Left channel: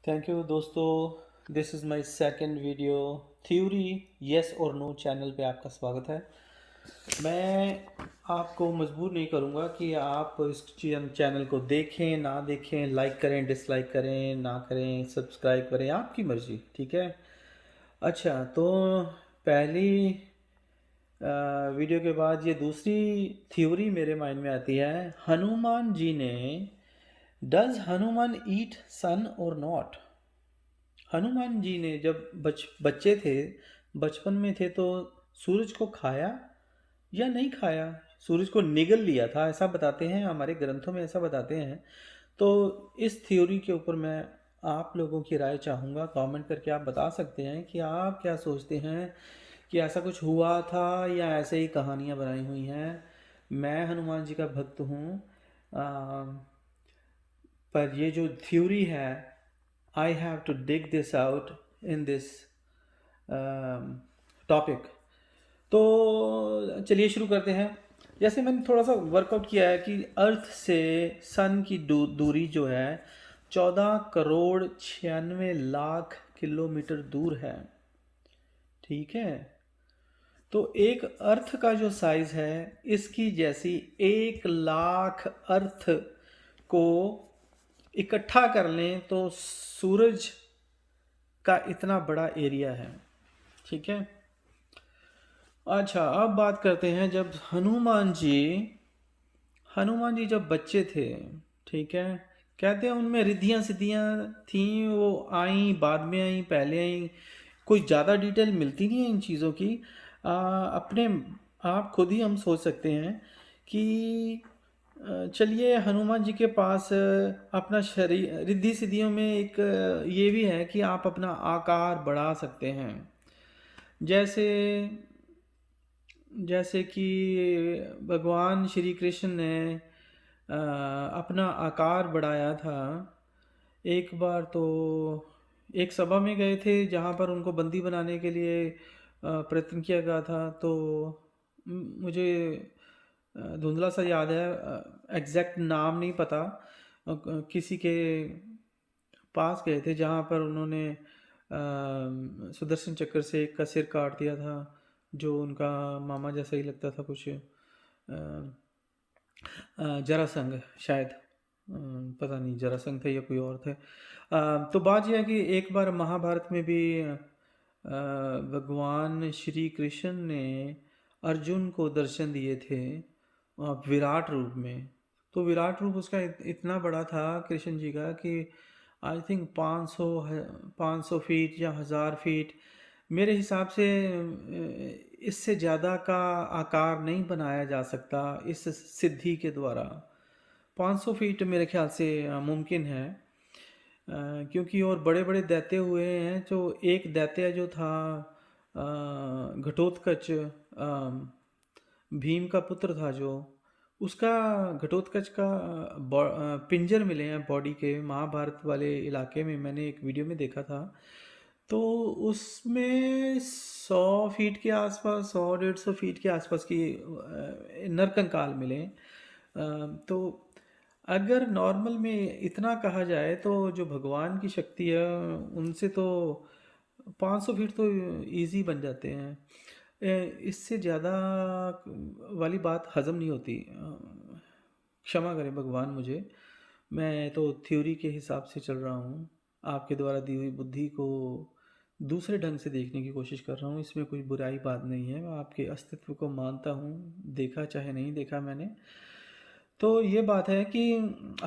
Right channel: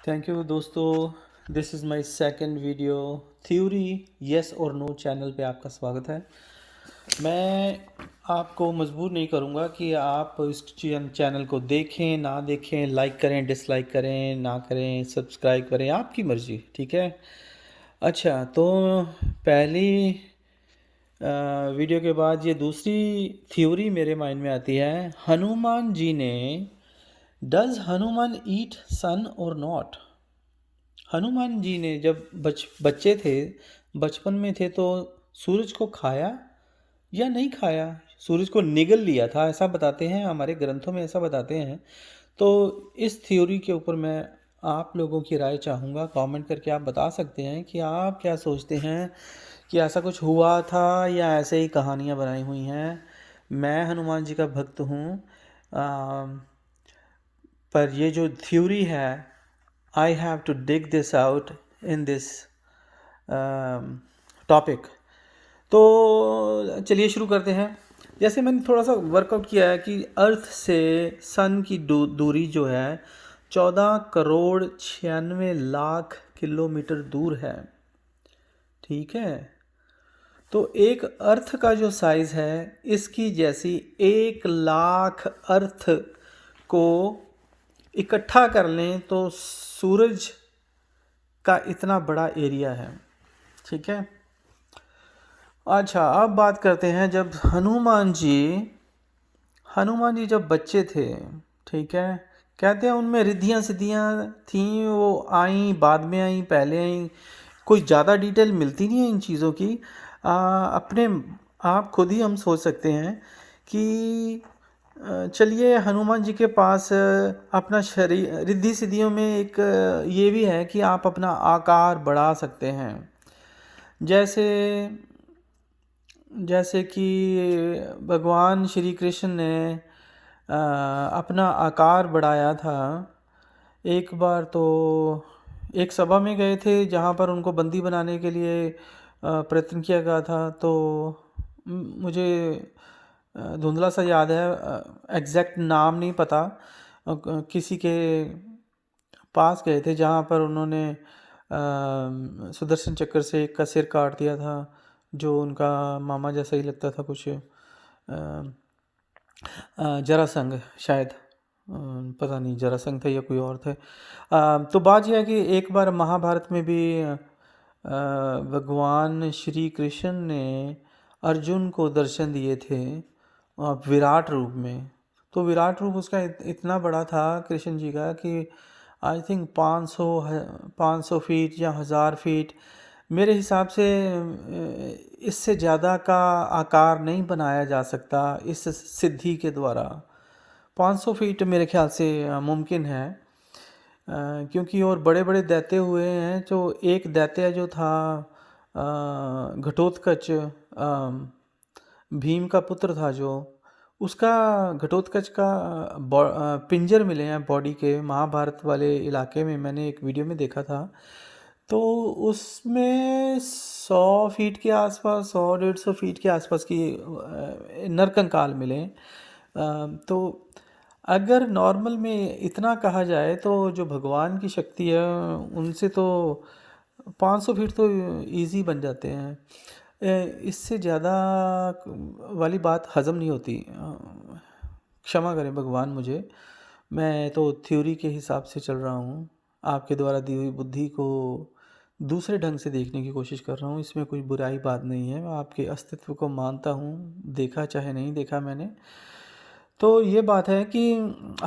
Thank you दोस्तों। This is my second video theory yes और no channel पे आपका स्वागत है। मैं आपको मजबूर नहीं करूँगा कि आप इस चैनल को देखें ना देखें, लाइक करें डिसलाइक करें ना करें, सब्सक्राइब करें, आपकी मर्ज़ी। ठीक है। अच्छा, तो पहली वीडियो के बाद ये दूसरी थ्योरी मेरे माइंड में आती है। हनुमान जी ने डज हनुमान ईट सन और नॉट। हनुमान जी ने जब बच्चे थे, बचपन में थे, तो सूरज को खाया या नहीं खाया? सूरज को निगल लिया था, ऐसा बताते हैं, हमारे ग्रंथों में ऐसा बताते हैं। तो इस थ्योरी के ऊपर मैं आप लोगों की राय चाहूँगा। कमेंट करके आप बता सकते हैं कि आप क्या सोचते हैं कि ऐसा कुछ हुआ था या ऐसे ही कहानियाँ बनाई हुई हैं। मैं हनुमान जी का भक्त हूँ, पर ये जो थ्योरी है, I have to dig this out in this topic. तो चलिए शुरू करते हैं। जैसे मैंने थोड़ा सा वर्कआउट किया है कि अर्थ से सन की दूरी जो है 14 करोड़ 96 लाख किलोमीटर दूर है। ठीक है। तो एक अर्थ का जो साइज़ है, इसकी जैसी 1 लाख अर्थ को इकट्ठा कर लें तो सूरज का इतना बड़ा एरिया है। ठीक है। अच्छा, अब बात करते हैं जब हनुमान जी जब बच्चे थे। ठीक है। कहते हैं उनमें रिद्धियाँ सिद्धियाँ थीं, वो आई बाद में आई पहले आई, कोई ज़्यादा डिटेल मिलती नहीं है इन चीज़ों की। अपने आप खुद ही हम सोच सकते हैं कि चलिए हनुमान जी के पास अपना शरीर, रिद्धि सिद्धियों में एक ये भी है कि आप अपना आकार बढ़ा सकते हैं। जैसे जैसे कि भगवान श्री कृष्ण ने अपना आकार बढ़ाया था। एक बार तो एक सभा में गए थे जहाँ पर उनको बंदी बनाने के लिए प्रयत्न किया गया था। तो मुझे धुंधला सा याद है, एग्जैक्ट नाम नहीं पता। किसी के पास गए थे जहाँ पर उन्होंने सुदर्शन चक्र से एक का सिर काट दिया था, जो उनका मामा जैसा ही लगता था कुछ। जरासंध शायद, पता नहीं जरासंध थे या कोई और थे। तो बात यह है कि एक बार महाभारत में भी भगवान श्री कृष्ण ने अर्जुन को दर्शन दिए थे विराट रूप में। तो विराट रूप उसका इतना बड़ा था कृष्ण जी का कि आई थिंक 500 फीट या 1000 फीट, मेरे हिसाब से इससे ज़्यादा का आकार नहीं बनाया जा सकता इस सिद्धि के द्वारा। 500 फीट मेरे ख्याल से मुमकिन है। क्योंकि और बड़े बड़े दैत्य हुए हैं। तो एक दैत्य जो था घटोत्कच, भीम का पुत्र था, जो उसका घटोत्कच का पिंजर मिले हैं बॉडी के, महाभारत वाले इलाके में मैंने एक वीडियो में देखा था। तो उसमें 100 फीट के आसपास, 100 150 फीट के आसपास की नरकंकाल मिले। तो अगर नॉर्मल में इतना कहा जाए तो जो भगवान की शक्ति है उनसे तो 500 फीट तो इजी बन जाते हैं। इससे ज़्यादा वाली बात हज़म नहीं होती। क्षमा करें भगवान मुझे, मैं तो थ्योरी के हिसाब से चल रहा हूँ। आपके द्वारा दी हुई बुद्धि को दूसरे ढंग से देखने की कोशिश कर रहा हूँ। इसमें कोई बुराई बात नहीं है, मैं आपके अस्तित्व को मानता हूँ, देखा चाहे नहीं देखा मैंने। तो ये बात है कि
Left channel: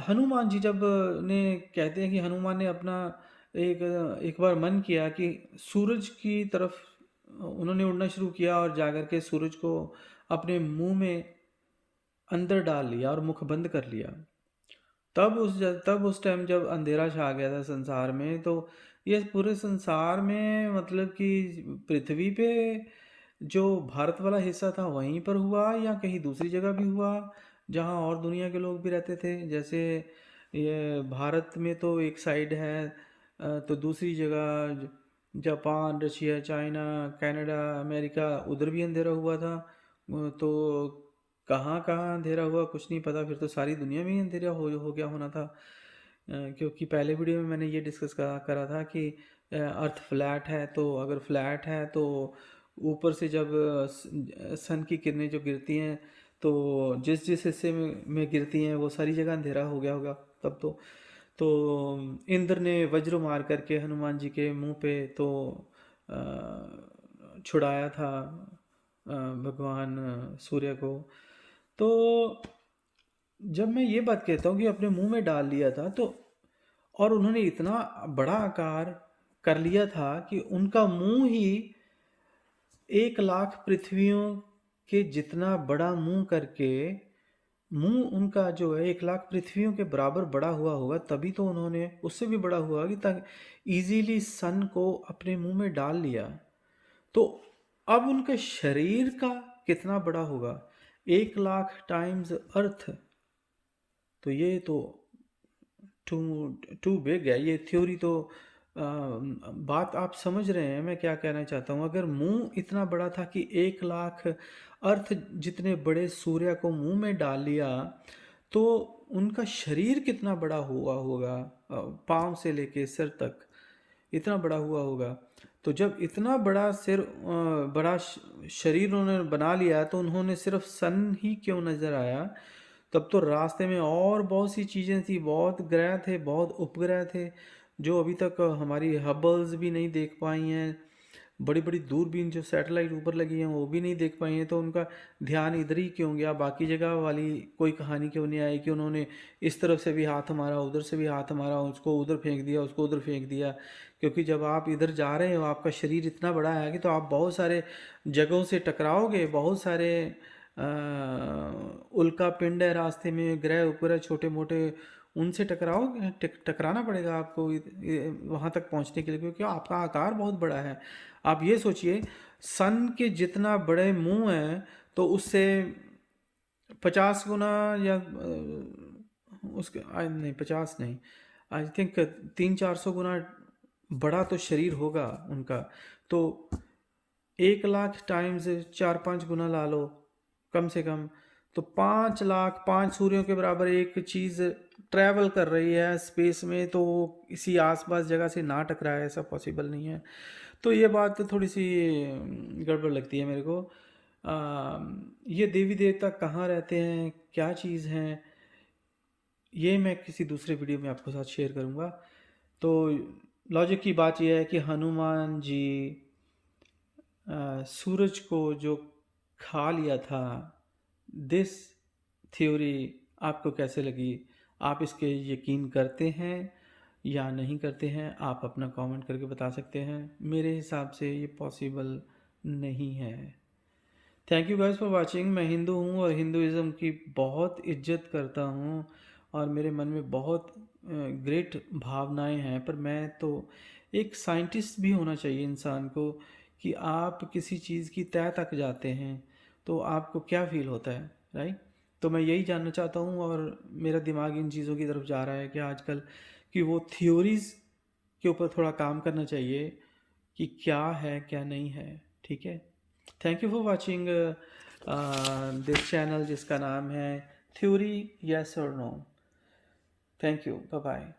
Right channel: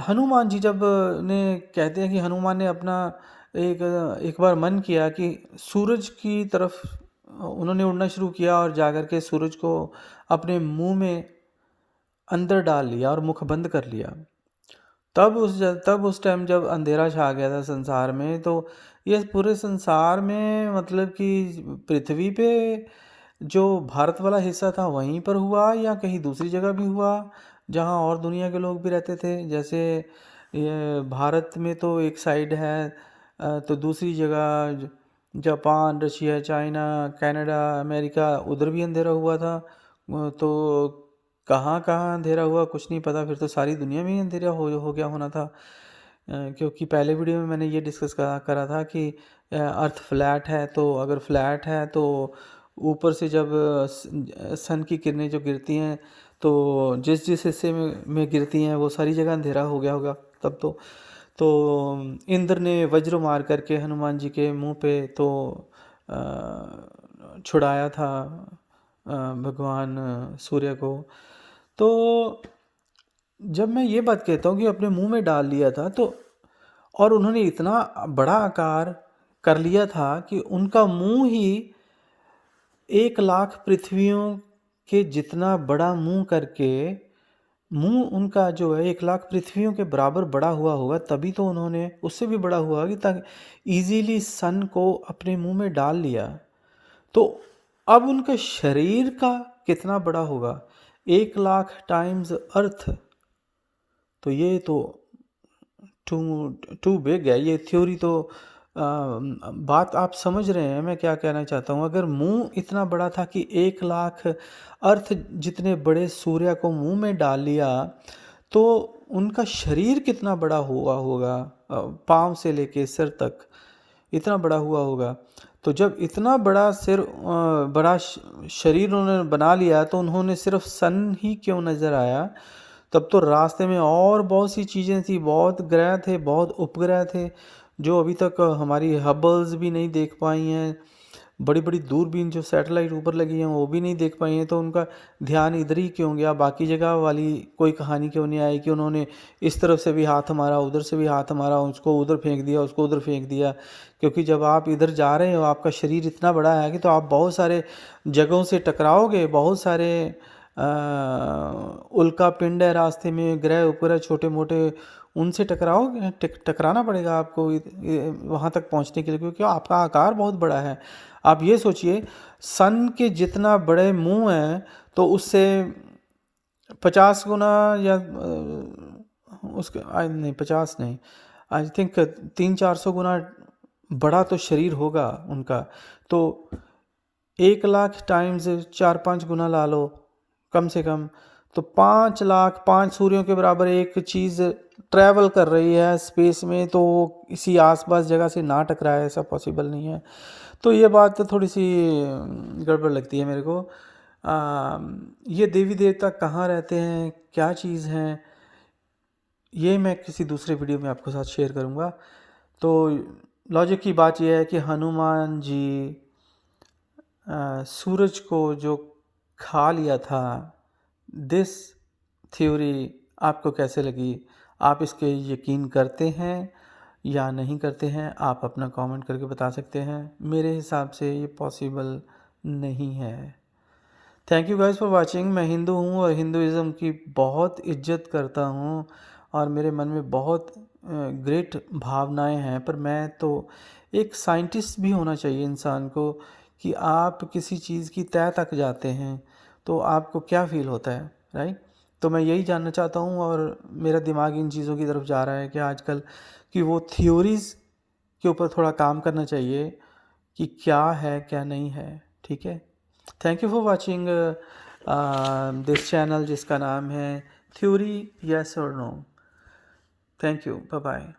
हनुमान जी जब ने कहते हैं कि हनुमान ने अपना एक एक बार मन किया कि सूरज की तरफ उन्होंने उड़ना शुरू किया और जाकर के सूरज को अपने मुंह में अंदर डाल लिया और मुख बंद कर लिया। तब उस टाइम जब अंधेरा छा गया था संसार में, तो ये पूरे संसार में मतलब कि पृथ्वी पे जो भारत वाला हिस्सा था वहीं पर हुआ या कहीं दूसरी जगह भी हुआ जहाँ और दुनिया के लोग भी रहते थे। जैसे ये भारत में तो एक साइड है, तो दूसरी जगह Japan, Russia, China, Canada, America, उधर भी अंधेरा हुआ था। तो कहाँ कहाँ अंधेरा हुआ कुछ नहीं पता, फिर तो सारी दुनिया में ही अंधेरा हो गया होना था। क्योंकि पहले वीडियो में मैंने ये डिस्कस करा था कि अर्थ फ्लैट है, तो अगर फ्लैट है तो ऊपर से जब सन की किरणें जो गिरती हैं तो जिस जिस हिस्से में गिरती हैं वो सारी जगह अंधेरा हो गया होगा तब तो इंद्र ने वज्र मार करके हनुमान जी के मुंह पे तो छुड़ाया था भगवान सूर्य को। तो जब मैं ये बात कहता हूँ कि अपने मुंह में डाल लिया था, तो और उन्होंने इतना बड़ा आकार कर लिया था कि उनका मुंह ही 1,00,000 पृथ्वियों के जितना बड़ा मुंह करके, मुंह उनका जो है 1,00,000 पृथ्वियों के बराबर बड़ा हुआ होगा, तभी तो उन्होंने उससे भी बड़ा हुआ कि ताकि इजीली सन को अपने मुंह में डाल लिया। तो अब उनका शरीर का कितना बड़ा होगा, 1,00,000 टाइम्स अर्थ। तो ये तो टू बिग है ये थ्योरी। तो बात आप समझ रहे हैं मैं क्या कहना चाहता हूँ। अगर मुंह इतना बड़ा था कि 1,00,000 अर्थ जितने बड़े सूर्य को मुंह में डाल लिया, तो उनका शरीर कितना बड़ा हुआ होगा, पाँव से लेके सिर तक इतना बड़ा हुआ होगा। तो जब इतना बड़ा बड़ा शरीर उन्होंने बना लिया, तो उन्होंने सिर्फ सन ही क्यों नज़र आया, तब तो रास्ते में और बहुत सी चीज़ें थी, बहुत ग्रह थे, बहुत उपग्रह थे जो अभी तक हमारी हबल्स भी नहीं देख पाई हैं। बड़ी बड़ी दूरबीन जो सैटेलाइट ऊपर लगी हैं वो भी नहीं देख पाई हैं। तो उनका ध्यान इधर ही क्यों गया, बाकी जगह वाली कोई कहानी क्यों नहीं आई कि उन्होंने इस तरफ से भी हाथ मारा, उधर से भी हाथ मारा, उसको उधर फेंक दिया, उसको उधर फेंक दिया। क्योंकि जब आप इधर जा रहे हो, आपका शरीर इतना बड़ा है कि तो आप बहुत सारे जगहों से टकराओगे, बहुत सारे उल्का पिंड है रास्ते में, ग्रह उपग्रह छोटे मोटे, उनसे टकराओगे, टकराना पड़ेगा आपको वहाँ तक पहुँचने के लिए, क्योंकि आपका आकार बहुत बड़ा है। आप ये सोचिए, सन के जितना बड़े मुंह हैं तो उससे 50 गुना या उसके नहीं 50 नहीं, आई थिंक 300-400 गुना बड़ा तो शरीर होगा उनका। तो 1,00,000 टाइम्स 4-5 गुना ला लो कम से कम, तो 5,00,000, 5 सूर्यों के बराबर एक चीज़ ट्रैवल कर रही है स्पेस में, तो इसी आसपास जगह से ना टकराए ऐसा पॉसिबल नहीं है। तो ये बात तो थोड़ी सी गड़बड़ लगती है मेरे को। ये देवी देवता कहाँ रहते हैं, क्या चीज़ हैं, ये मैं किसी दूसरे वीडियो में आपके साथ शेयर करूँगा। तो लॉजिक की बात यह है कि हनुमान जी सूरज को जो खा लिया था, दिस थ्योरी आपको कैसे लगी, आप इसके यकीन करते हैं या नहीं करते हैं, आप अपना कमेंट करके बता सकते हैं। मेरे हिसाब से ये पॉसिबल नहीं है। Thank you guys for watching. मैं हिंदू हूँ और हिंदुज़म की बहुत इज्जत करता हूँ और मेरे मन में बहुत ग्रेट भावनाएं हैं, पर मैं तो एक साइंटिस्ट भी होना चाहिए इंसान को कि आप किसी चीज़ की तह तक जाते हैं तो आपको क्या फ़ील होता है, राइट। तो मैं यही जानना चाहता हूँ और मेरा दिमाग इन चीज़ों की तरफ जा रहा है कि आजकल कि वो थ्योरीज़ के ऊपर थोड़ा काम करना चाहिए कि क्या है क्या नहीं है, ठीक है। Thank you for watching this channel जिसका नाम है थ्योरी यस और no. Thank you, bye bye.